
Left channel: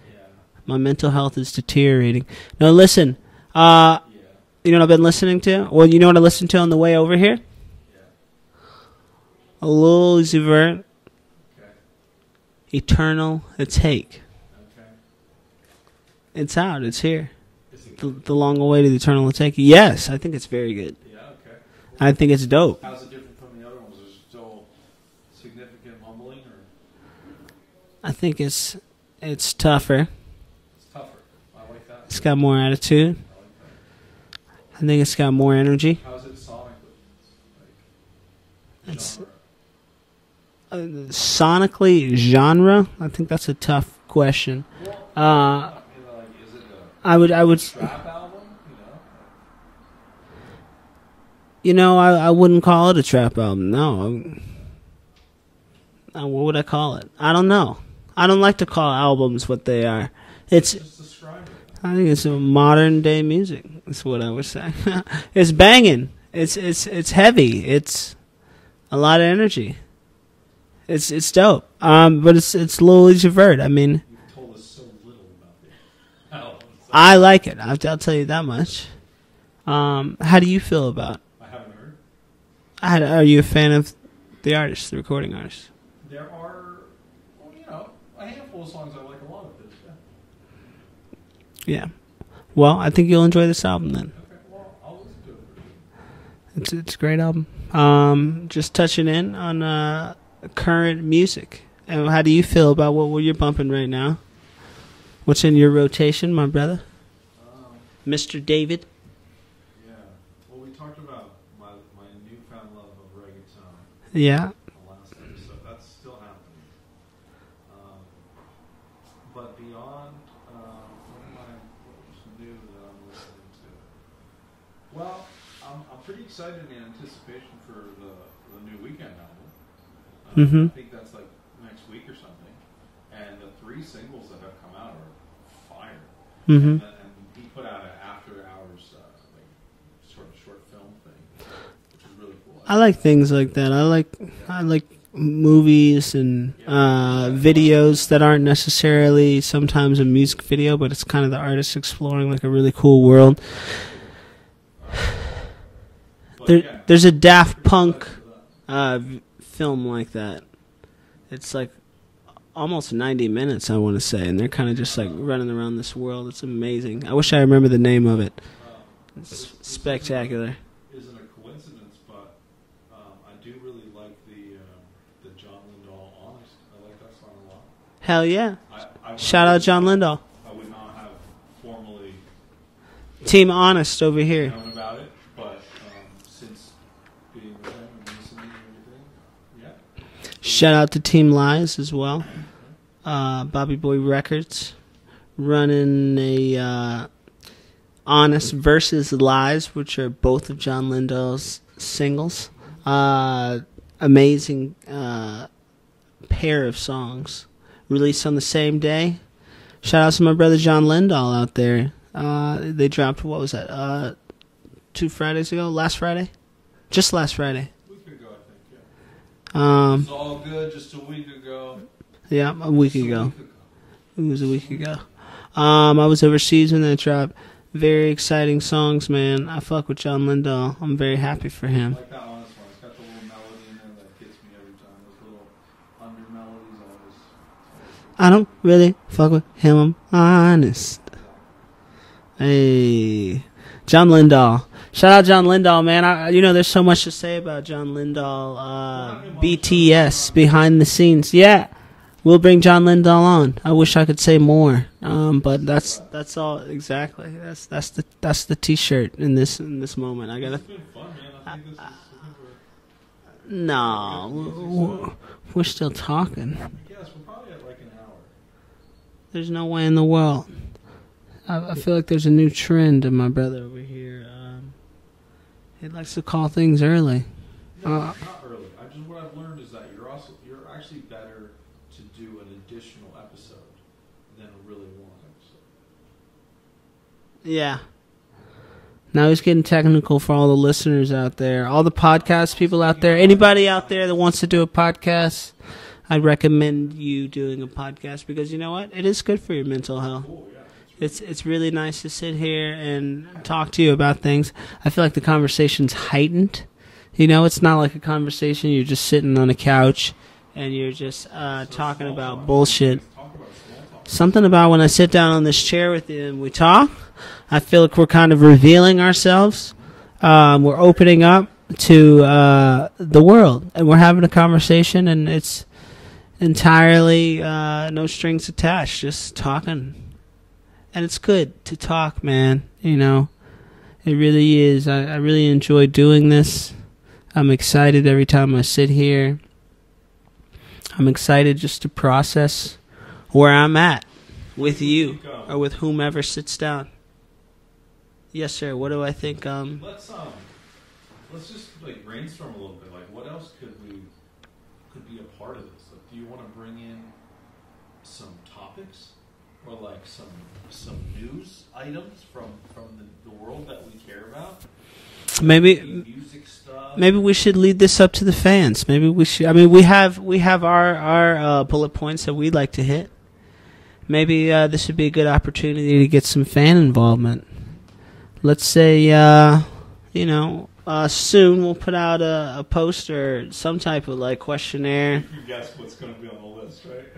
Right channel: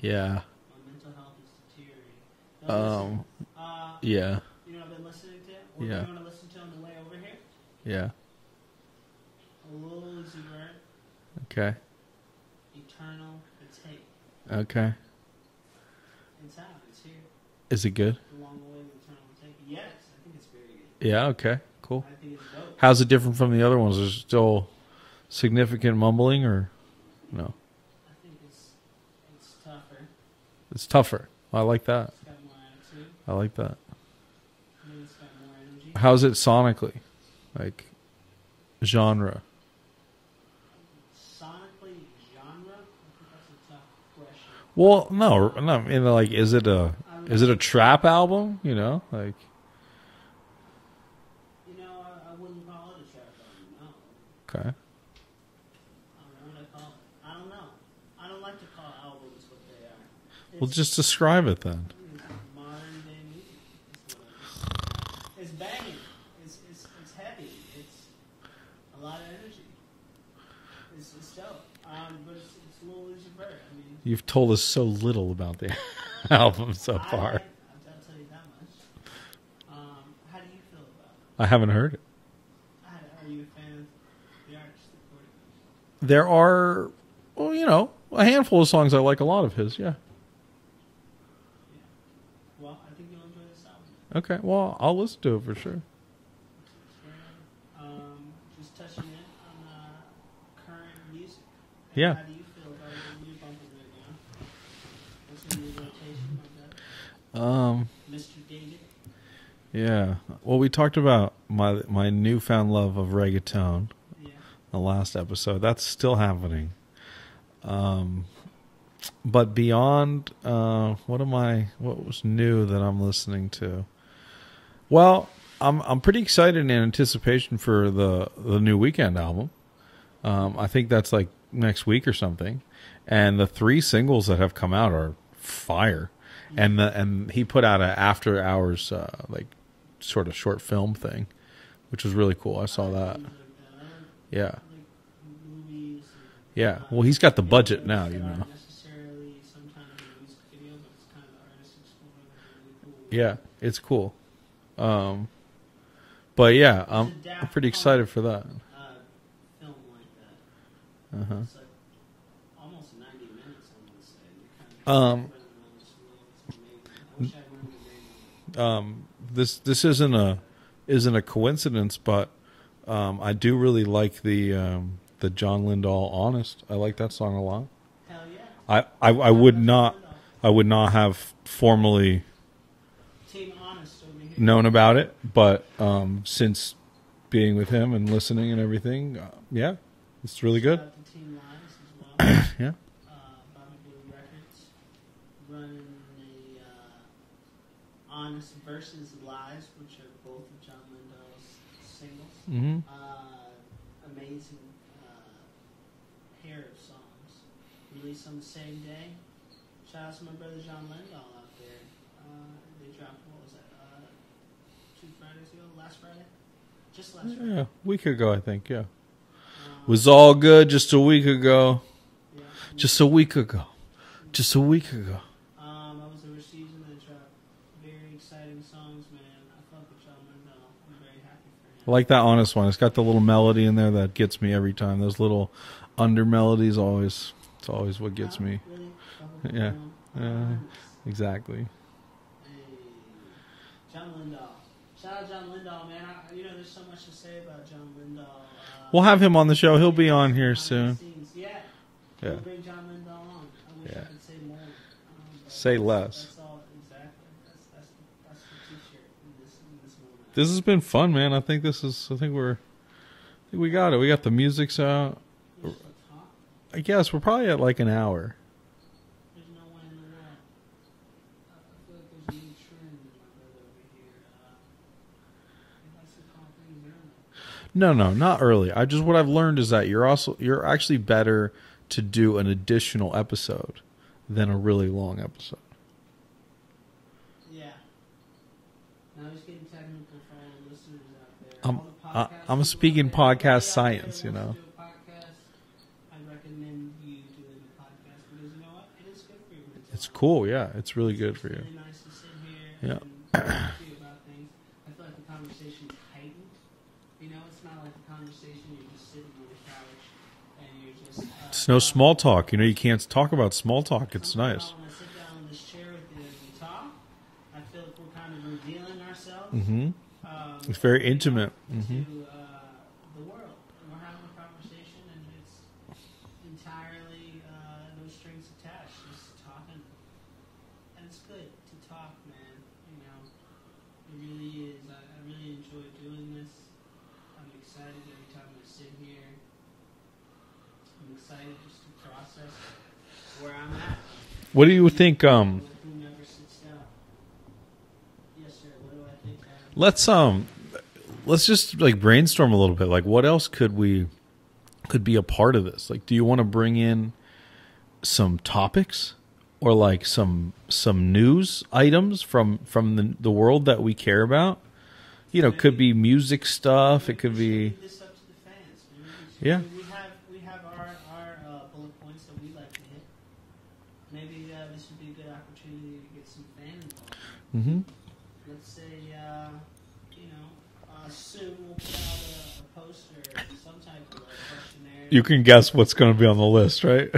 Yeah. My mental health is deteriorating. No, listen. Yeah. You know what I've been listening to? Well, you know what I listened to on the way over here? Yeah. A little Uzi Vert, Okay. Eternal Take. Okay. It's out. It's here. Is it good? The long-awaited Eternal Take. Yes, I think it's very good. Yeah, okay. Cool. I think it's dope. How's it different from the other ones? Is there still significant mumbling or no? I think it's tougher. It's tougher. I like that. It's got more attitude. I like that. I think it's got more energy. How's it sonically? Like genre? Sonically, genre? I think that's a tough question. Well, no. I mean, like, is it a a trap album? You know, like. You know, I wouldn't call it a trap album. No. Okay. What would I call it? I don't know. I don't like to call albums what they are. It's just describe it then. I think it's a modern day music. That's what I would say. It's banging. It's heavy. It's a lot of energy. It's dope. But it's Lil Uzi Vert. I mean, you've told us so little about the album. So I like it. I'll tell you that much. How do you feel about it? I haven't heard it. Are you a fan of the artist, the recording artist? There are, well, you know, a handful of songs I like a lot of his. Yeah. Yeah. Well, I think you'll enjoy this album then. Okay. Well, I'll listen to it for sure. It's a great album. Just touching in on current music. And Yeah. how do you feel about what you're bumping right now? What's in your rotation, my brother? Mr. David? Yeah. Well, we talked about my newfound love of reggaeton. Yeah. In the last episode. That's still happening. But beyond, what was new that I'm listening to? Well, I'm pretty excited in anticipation for the new Weeknd album. I think that's like next week or something. And the 3 singles that have come out are fire. And he put out an after hours like sort of short film thing, which was really cool. I like things like that. I like movies and well, he's got the budget videos now, that aren't necessarily sometimes a music video, but it's kind of the artist exploring like a really cool world. Yeah, it's cool. But there's I'm a Daft pretty Punk excited for that. film like that. It's like almost 90 minutes, I want to say, and they're kind of just like running around this world. It's amazing. I wish I remember the name of it. This spectacular. isn't a coincidence, but I do really like the John Lindahl "Honest." I like that song a lot. Hell yeah! I Shout out John Lindahl. I would not have formally Team Honest over here. known about it, but since being with him and listening and everything, yeah, it's really Shout good. out to Team Lies as well. Yeah. Bobby Boy Records, running a Honest versus Lies, which are both of John Lindahl's singles. Amazing pair of songs released on the same day. Shout out to my brother John Lindahl out there. They dropped, what was that, 2 Fridays ago? Last Friday? Just last Friday. Yeah, a week ago, I think, yeah. It was all good just a week ago. Yeah, a week ago. I was overseas when that dropped. Very exciting songs, man. I fuck with John Lindahl. I'm very happy for him. I like that Honest one. It's got the little melody in there that gets me every time. Those little under melodies always, it's always what gets me. I don't really fuck with him. I'm honest. Exactly. Hey, John Lindahl. Shout out John Lindahl, man. There's so much to say about John Lindahl. We'll have him on the show. He'll be on behind the scenes. Yeah. We'll bring John Lindahl on. I wish I could say more, but that's all exactly. That's the T-shirt in this moment. This has been fun, man. I think we got it. We got the music's out. We're still talking. I guess we're probably at like an hour. There's no way in the world. I feel like there's a new trend in my brother over here. He likes to call things early. No, not early. What I've learned is that you're actually better to do an additional episode than a really long episode. Yeah. Now he's getting technical for all the listeners out there, all the podcast people out there, anybody out there that wants to do a podcast. I recommend you doing a podcast because you know what? It is good for your mental health. It's cool, yeah. It's really good. It's really nice to sit here and talk to you about things. I feel like the conversation's heightened. It's not like a conversation. You're just sitting on a couch and you're just it's no small talk. Bullshit. You can't talk about small talk. Something about when I sit down on this chair with you and we talk, I feel like we're kind of revealing ourselves. Mm-hmm. We're opening up to the world, and we're having a conversation, and it's entirely no strings attached, just talking. And it's good to talk, man. It really is. I really enjoy doing this. I'm excited every time I sit here. I'm excited just to process where I'm at. What do you think? Or with whomever sits down. Yes, sir. What do I think? Let's just brainstorm a little bit. Like, what else could be a part of this? Like, do you want to bring in some topics or like some news items from the world that we care about? Maybe it could be music stuff. Maybe we should lead this up to the fans. Maybe we should. Yeah. I mean, we have our bullet points that we'd like to hit. Maybe this would be a good opportunity to get some fan involvement. Mm-hmm. Let's say, soon we'll put out a post or some type of questionnaire. You can guess what's going to be on the list, right?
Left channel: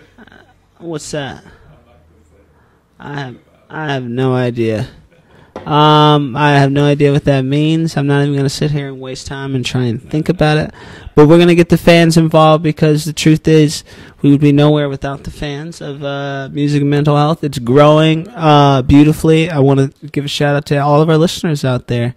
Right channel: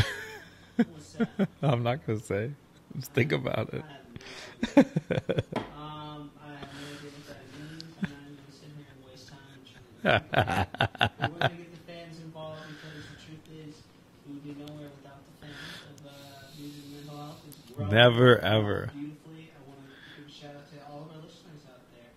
What's that? I'm not going to say. Think about it. I have no idea. I have no idea what that means. I'm not even going to sit here and waste time and try and think about it. But we're going to get the fans involved because the truth is we would be nowhere without the fans of Music and Mental Health. It's growing beautifully. I want to give a shout out to all of our listeners out there.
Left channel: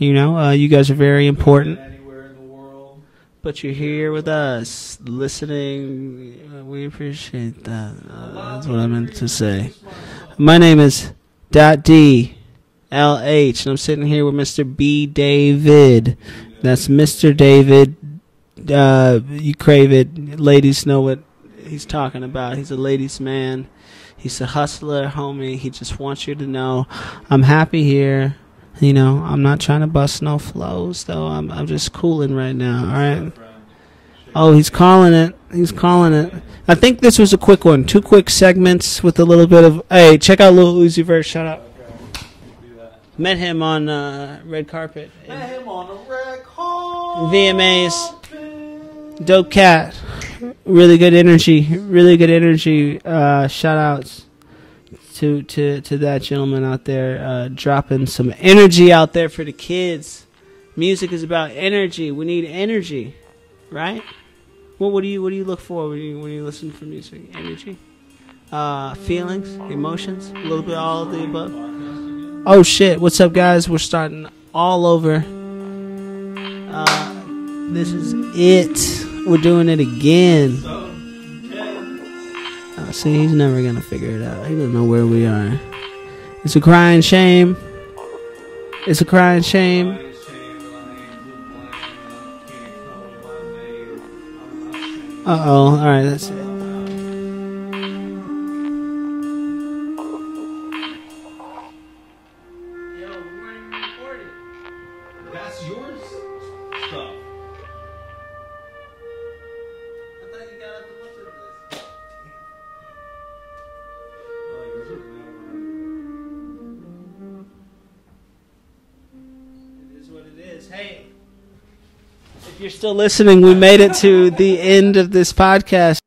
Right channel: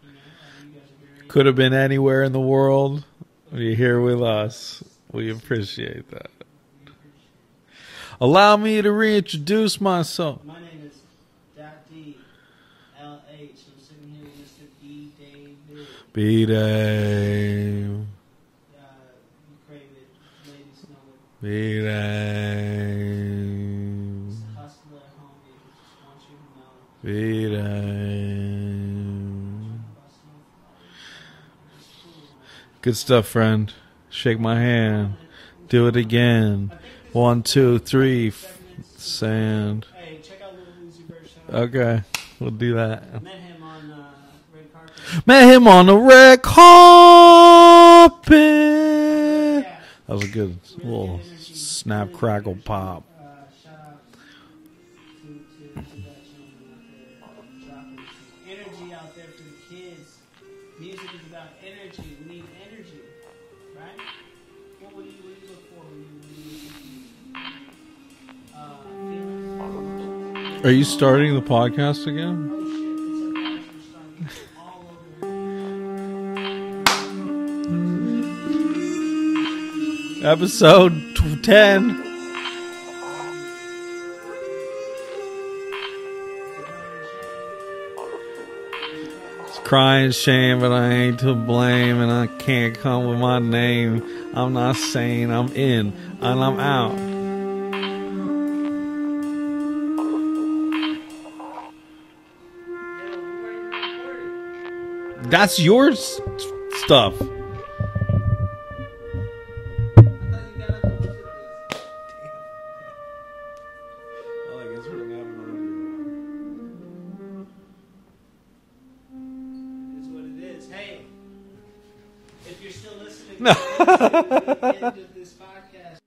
You guys are very important. Could have been anywhere in the world. But you're here with us listening. We appreciate that. Allow me to reintroduce myself. My name is .D LH, and I'm sitting here with Mr. B. David. That's Mr. David. You crave it. Ladies know what he's talking about. He's a ladies' man. He's a hustler, homie. He just wants you to know I'm happy here. I'm not trying to bust no flows, though. I'm just cooling right now. Good stuff, friend. Shake he's hand. Calling it. He's calling it. I think this was a quick one. 2 quick segments with a little bit of... Hey, check out Lil Uzi Vert. Shout out. Okay. We'll do that. Met him on red carpet. Met him on the red carpet. VMAs. Dope cat. That was good. Really good energy. Really good energy. Shout outs to that gentleman out there, dropping some energy out there for the kids. Music is about energy. We need energy, right? What do you look for when you listen to music? Energy, feelings, emotions. Are you starting the podcast again? Oh shit! What's up, guys? We're starting all over. This is it. We're doing it again. Episode 10. See, he's never gonna figure it out. He doesn't know where we are. It's a crying shame. It's a crying shame. Crying shame, but I ain't to blame, and I can't come with my name. I'm not saying I'm in, all right, and I'm out. That's your stuff. If you're still listening, we made it to the end of this podcast.